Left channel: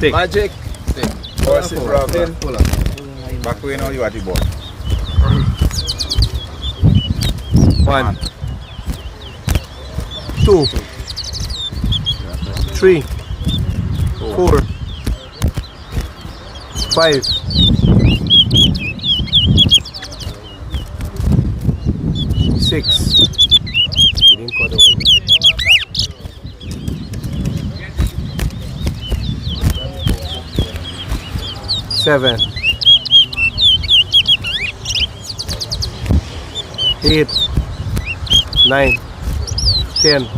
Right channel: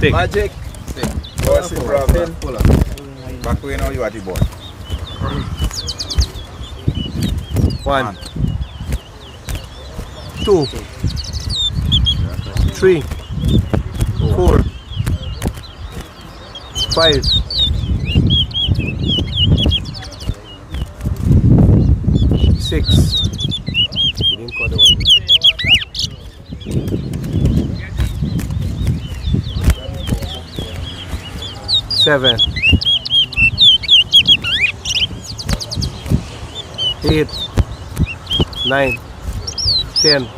Stick. Magic. What's it, RAVIN? Back way now, you at the board. 1, 2, 3, 4, 5, 6. You didn't call the one. 7, 8, 9, 10,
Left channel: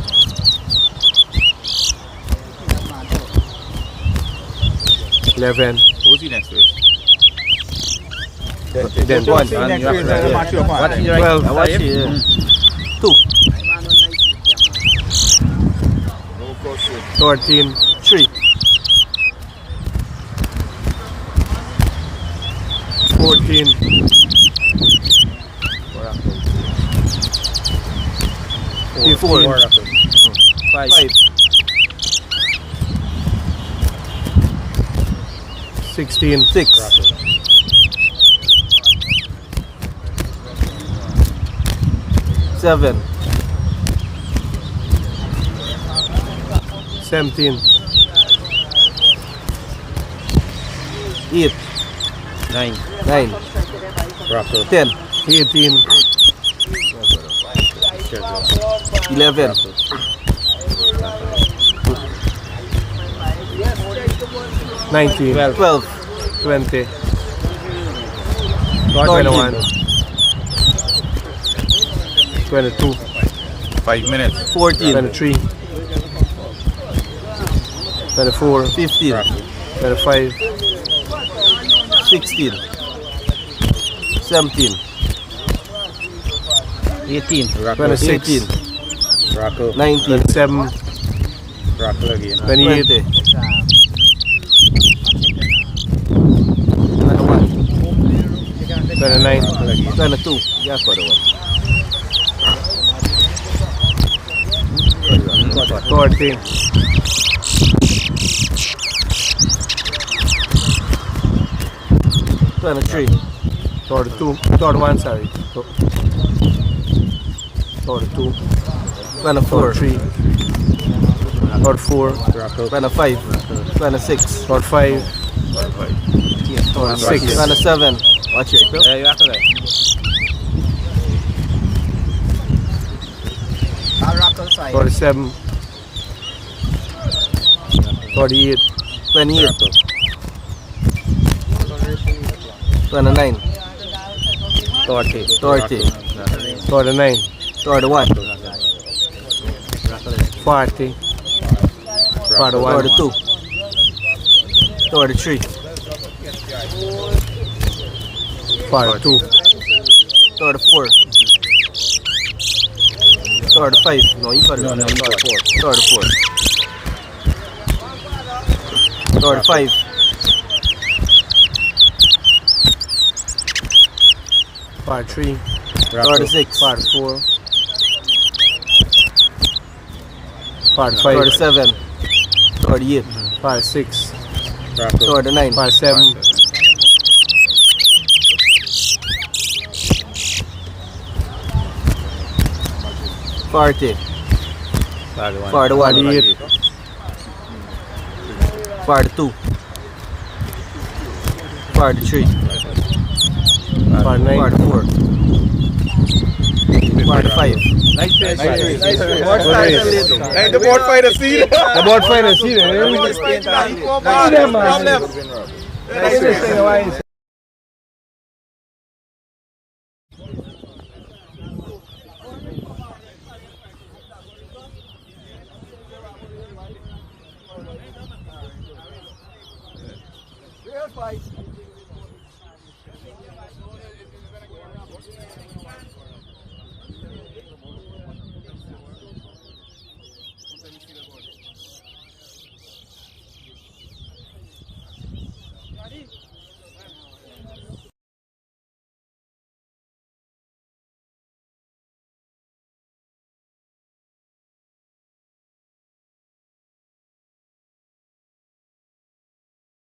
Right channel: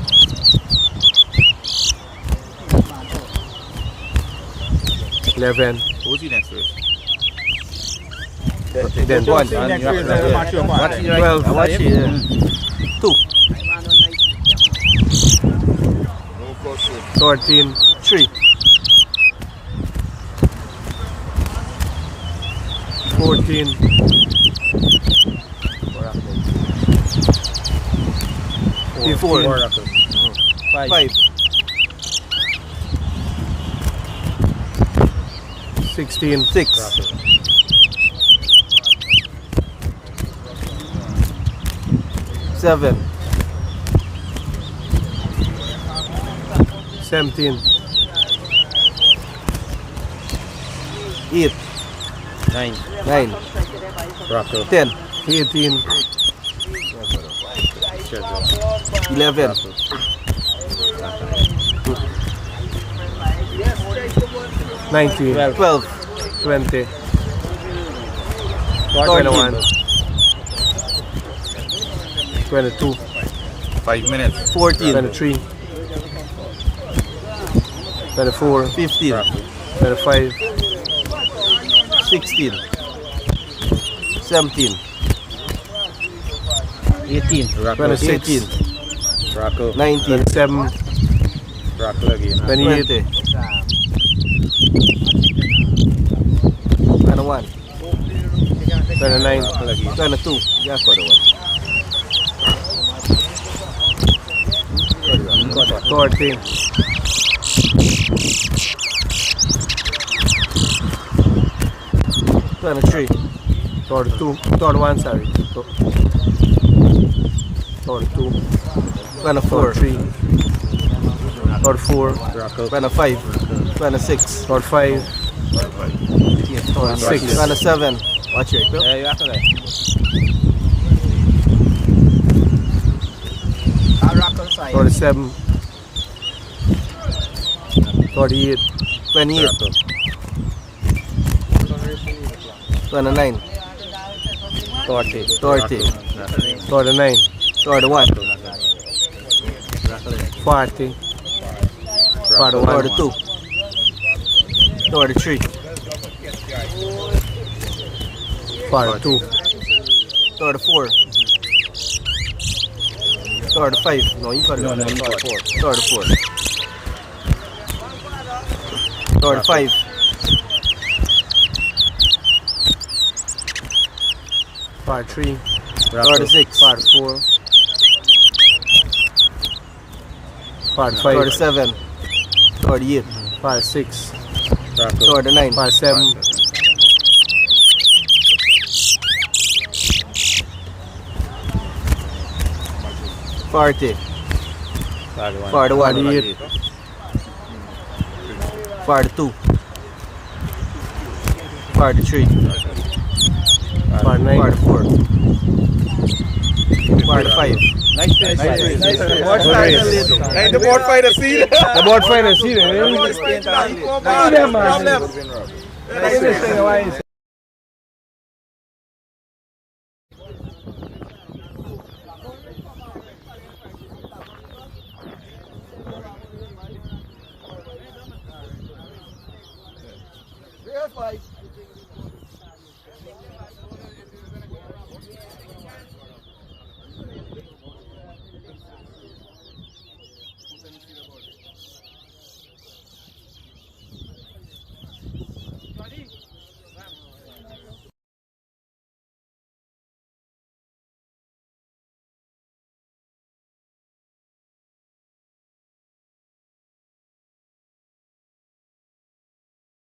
11. Who's the next race? Then 1, 12, 2, No caution. 13, 3, 14, 15, 5, 16, 6, 7, 17, 8, 9, 10, 18, 11, 19, 12, 20, 21, 22, 5 minutes. 14, 23, 24, 15, 25, 16, 17, 18, 26, 19, 27, 28, 21, 29, 22. Yeah, got the one. 30, 23, 32, 31, sorry. 32, 24, 3, 34, 25, 26, 45, 26, 27. Watch it, Bill. Yeah, you have to go. 47, 48, 28, 29, 30, 39, 31, 40, 41, 42, 43, 42, 34, 35. No, you got it. 34, 35, 43, 36, 44, 45, 37, 38, 46, 39, 47, 40, 41, 48, 42, 43, 49, 44, 45. Nice race. Hey, the board fight a seat. The board fight a seat.